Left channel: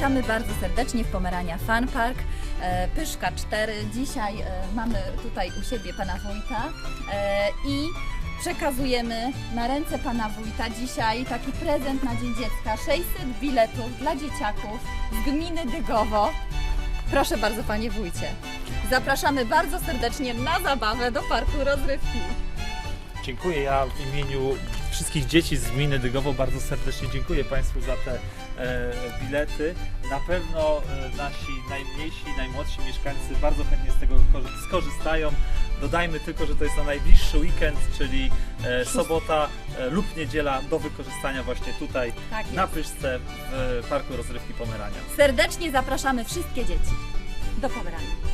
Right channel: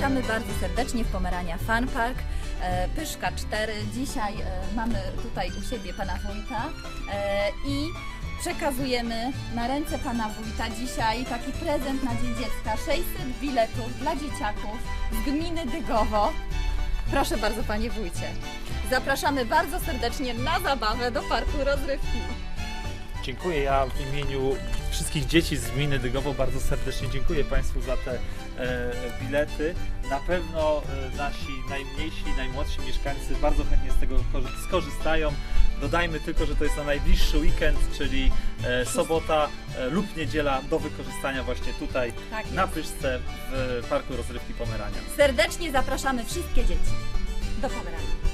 Witamy bardzo serdecznie w Pomerania Fun Park. E, Pyszka 4. Dzisiaj e, mamy tutaj u siebie pana wójta e, i przekazujemy na ręce pana wójta dzisiaj taki prezent na Dzień Dziecka. 600 biletów dla dzieciaków z gminy Dygowo. Proszę bardzo panie wójcie. Zapraszamy bardzo serdecznie na zabawę do parku rozrywki. Dziękuję. Ja w imieniu wszystkich dzieci z gminy Dygowo bardzo serdecznie dziękuję Państwu za te e, bilety. Na pewno e, nasi najmniejsi, najmłodsi mieszkańcy bardzo chętnie z tego korzy- skorzystają. Dodajmy tylko, że to jest na najbliższy weekend, czyli e, sobota e, lub niedziela do wykorzystania właśnie tutaj Tak jest. na Pyszce w Parku Rozrywki Pomerania. Serdecznie zapraszamy wszystkie dzieci do Pomerania.